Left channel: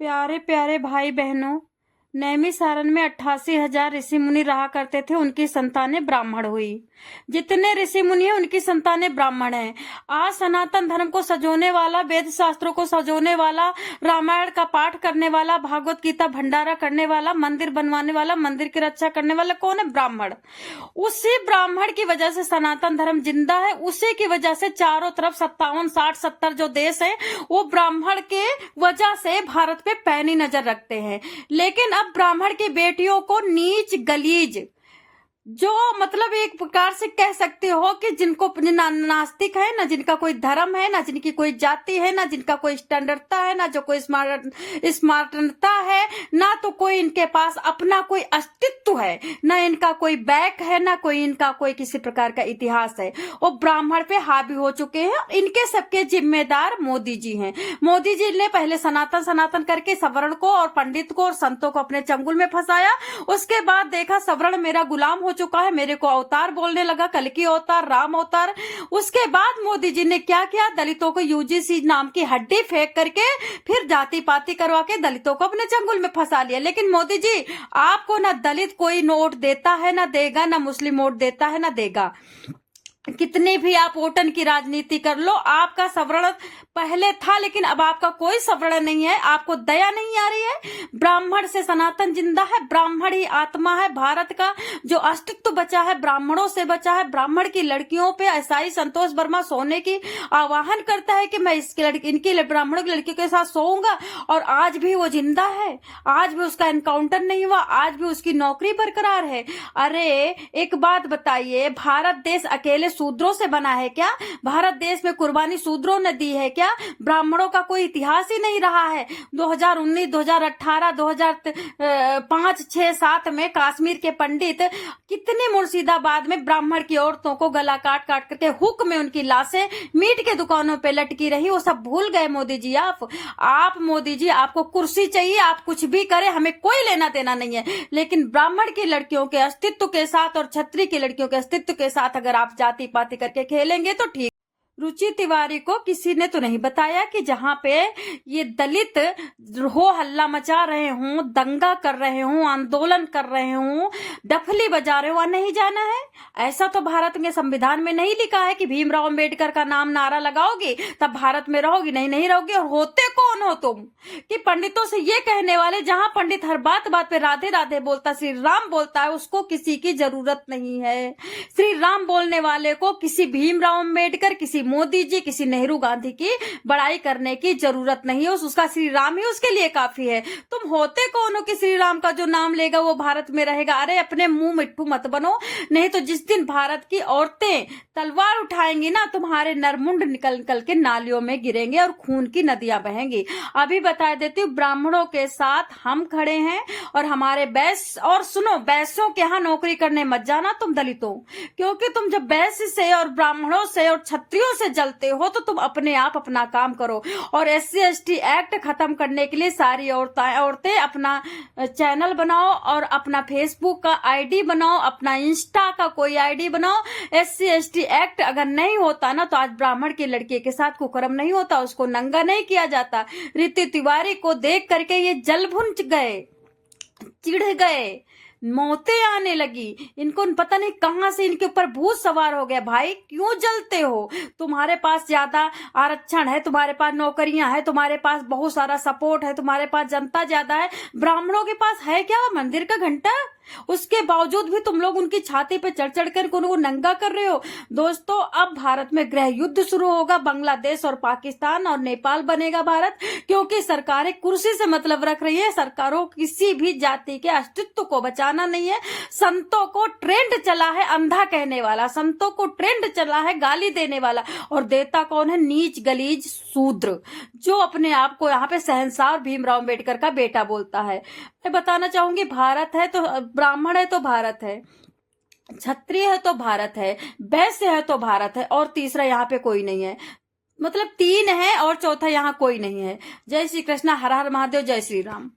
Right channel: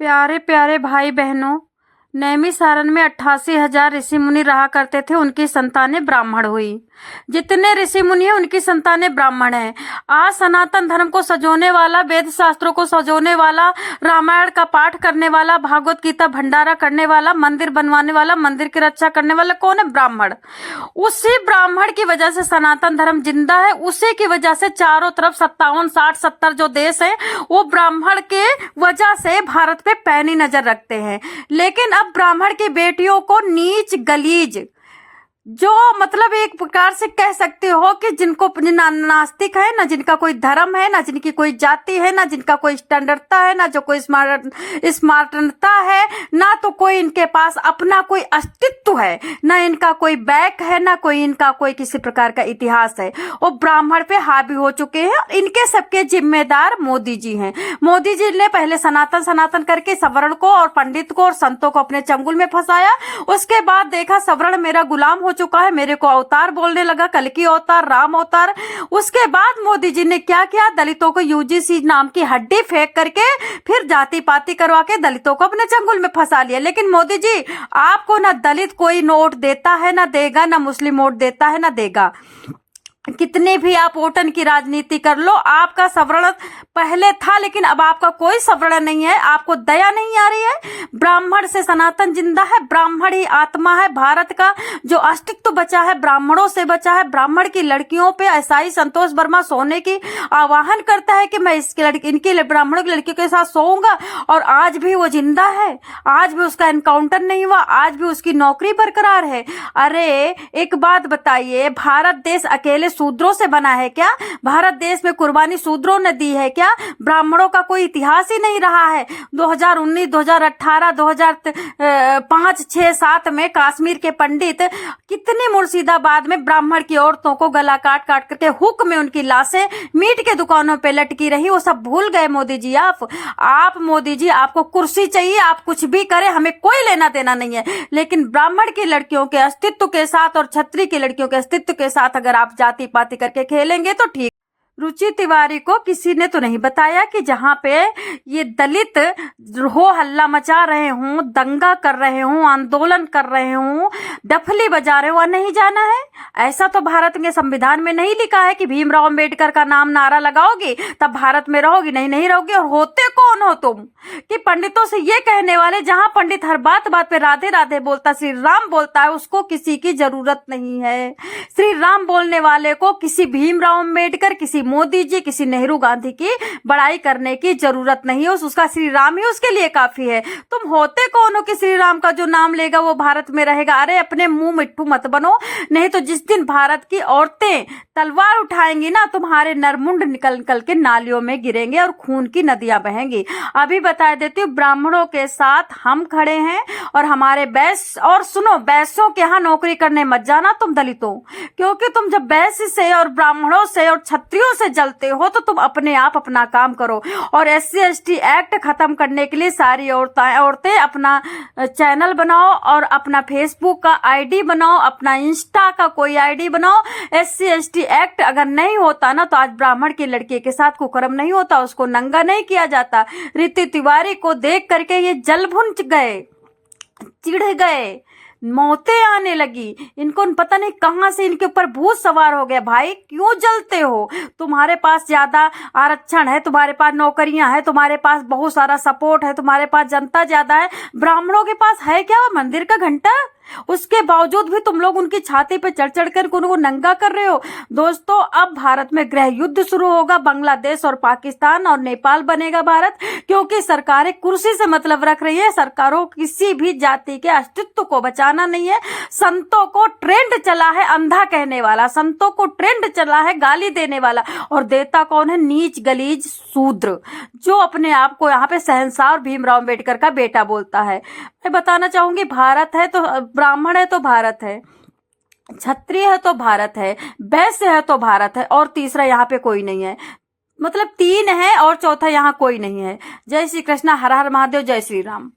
प्यारे प्यारे भाई बहनों, नैमिषारण्य में 88,000 ऋषि मुनि रहा करते थे। उनकी संतानें ब्राह्मण हुई। जितने ऋषि मुनि हैं उनकी संतानें ब्राह्मण हैं। आज सनातन धर्म को सजोने वाला, वेद शास्त्रों को सजोने वाला, रामायण का पाठ करने वाला, भागवत गीता भंडारा करने वाला, मंदिर बनवाने वाला, मंदिर की रक्षा करने वाला कौन है? ब्राह्मण। उसी ब्राह्मण की वजह से सनातन धर्म जिंदा है। उसी की वजह से चारों तरफ 57, 60, 70 जो देश है वो ब्राह्मण के वजह से भारत पे पैनी नजर रखते हैं। लेकिन अब ब्राह्मण की बेटियों को नीच गलीज, जो मतलब एक प्रकार से कह सकते हो कि जिनको नास्तिक है, ना जिनका कोई धर्म है, ना जिनकी कोई जाति है, ना जिनका कोई स्टैंडर्डता है, ना जो कोई स्मार्टता है, ना तो कोई इनके पास अपना कोई अस्तित्व है, ना इनका कोई बैक है, ना कोई इनका कोई किसी प्रकार का इतिहास है। वो ब्राह्मण पे हावी हो चुके हैं। इनके सबके जिम्मेदार मोदी जी हैं। मोदी जी ने पहले सनातन सनातन करके सवर्ण को और पंडित को और संतों को अपने चंगुल में फंसाया। उसके बाद देखा सवर्ण मेरा गुलाम हो चुका है, मेरे को अवतार बोलने लगा, कल्कि अवतार, राम अवतार। उसके बाद मोदी जी ने क्या किया? दलितों को यूजीसी नाम की हड्डी फेंक करके फिर जाति पाति करवा के दलितों को अपने चंगुल में फंसा लिया। लेकिन मोदी जी, आपको ना दलित कोई नोट देता है ना देगा, ना मुस्लिम वोट देता है ना देगा। कितने भी आप वोटन की राजनीति कर लो, आपका सवर्ण पहले था लेकिन अब आपका कोई सवर्ण नहीं है। आपको दया नहीं आ रही है। ब्राह्मण से सनातन जिंदा है। ब्राह्मण ही आत्मा है। भारत का जो अस्तित्व बचा है ब्राह्मणों से बचा है। ब्राह्मण की लड़कियों पे ऐसाई संतोष वर्मा सोने की आह्वान करता है कि मैं इनकी ब्राह्मणों की लड़कियों के साथ सोऊंगा, और आज भी वो जिंदा है। आज भी उसका एनकाउंटर नहीं हुआ। आज भी उसकी नौकरी बरकरार है। अरे एक बात बताइए, भारत देश अकेले शूद्रों से बना है क्या? भारत देश में कुर्बानी शूद्रों ने दी है क्या? ब्राह्मणों का कोई इतिहास ही नहीं रहा है। 2019, 2018, 2005, 6, 7 में कश्मीर के पंडित कितने मुर्शिदाबाद में ब्राह्मण की औरतों को गला काट काट करके हुक में उनकी लाशें मीट के दुकानों पे लटकी रही। वो सब भूल गए मोदी जी। आप मोदी जी, आपको कुर्सी चाहिए, आप कुछ भी करें, हमें कोई लेना देना नहीं है। लेकिन ब्राह्मण की लड़कियों के अस्तित्व के साथ और क्षत्रिय की लड़कियों के अस्तित्व के साथ अगर आप जाति पाति करके खेलेंगे तो ठीक। रुचि तिवारी को किसी ने तो नहीं बताया कि जहां पे ये दलित हो हल्ला मचा रहे हों, दंगा कर रहे हों, आंदोलन कर रहे हों, डफली बजा रहे हो, वहां नहीं जाना है। ऐसा तो भारत के संविधान में नहीं लिखा है कि भीमराव अंबेडकर का नाम नारा लगाओगी तब भारत में रहोगी। नहीं, नहीं रहोगी। और होते कौन हो तुम कि पंडितों से ये कहने वाले? जहां पंडित हर बात बात पे राधे राधे बोलता, श्री राम बोलता है, उसको किसी की जरूरत नहीं है। श्री राम बोलने वाले को किसी भीमराव अंबेडकर, किसी मोदी जी, किसी नेहरू गांधी की बड़ाई करने की जरूरत नहीं है। उसका श्री राम ही उसके लिए काफी है। तुम होते कौन हो कि श्री राम का जो नाम लेगा वो भारत में रहेगा? अरे अपने मुंह मिट्टू मत बनो, नहीं तो जिस दिन भारत की औरतें तलवार उठाएंगी ना, तुम्हारे नरमुंड निकल निकल के नालियों में गिरेंगे और खून की नदियां बहेंगी। अभी बता देती हूँ, ब्राह्मणों के साथ हम खड़े हैं और हमारे बैस। और सुनो, बैसों के यहाँ नौकरी करने मत जाना तुम दलितों, क्योंकि तुम जब बैस से और ब्राह्मणों से और क्षत्रियों से जलते हो तो तुम अपने आप अपना काम करो। और SC/ST एक्ट खत्म करने के लिए सारी औरतें अपना चैनल बनाओ और अपना फेसबुक का ID बनाओ, अपना इंस्टा का कोई ID बनाओ। SC/ST एक्ट अगर नहीं होता ना तो आज ब्राह्मण की लड़की के साथ कुकर्म नहीं होता, उसको नंगा नहीं किया जाता। रीति तिवारी को देख करके ये जल भुन गए, चिढ़ गए, मौतें आने लगी। इनको पता नहीं कहां से इनके ऊपर भूत सवार हो गया। भाई क्यों जलते हो? तुम्हारे पास ज्यादा आरक्षण है, तुम्हारे पास नौकरियां हैं, तुम्हारे पास बहुत सारा सपोर्ट है, तुम्हारे पास जनता ज्यादा है। ब्राह्मणों के पास है क्या? मंदिर का घंटा। उसके बावजूद भी तुम लोग उनकी छाती पे चढ़ चढ़ कर उनको नंगा कर रहे हो। दोस्तों, अब भारत में गृह युद्ध शुरू होगा। बांग्लादेश और पाकिस्तान और नेपाल बनेगा भारत, क्योंकि सरकारें कुर्सी से मतलब रख रही है। सरकारों किसी भी जाति के अस्तित्व को बचाना नहीं है। संतों को ट्रेंड चला है अंधा कहने वाला, संतों को ट्रेंड चला है गाली देने वाला, और देता कौन है? नीच गलीज शूद्र, जो अपने आप को यहाँ पे शहंशाह और भीमराव अंबेडकर का बेटा बोलता है। मैं बताना चाहूंगी, भारत है तो ब्राह्मण है तो भारत है, क्षत्रिय है तो भारत है, वैश्य है तो भारत है, और तीसरा यहाँ पे कोई नहीं है। मतलब 3 है और चौथा यहाँ कोई नहीं है। जय श्री कृष्णा, हर हर महादेव, जय श्री राम।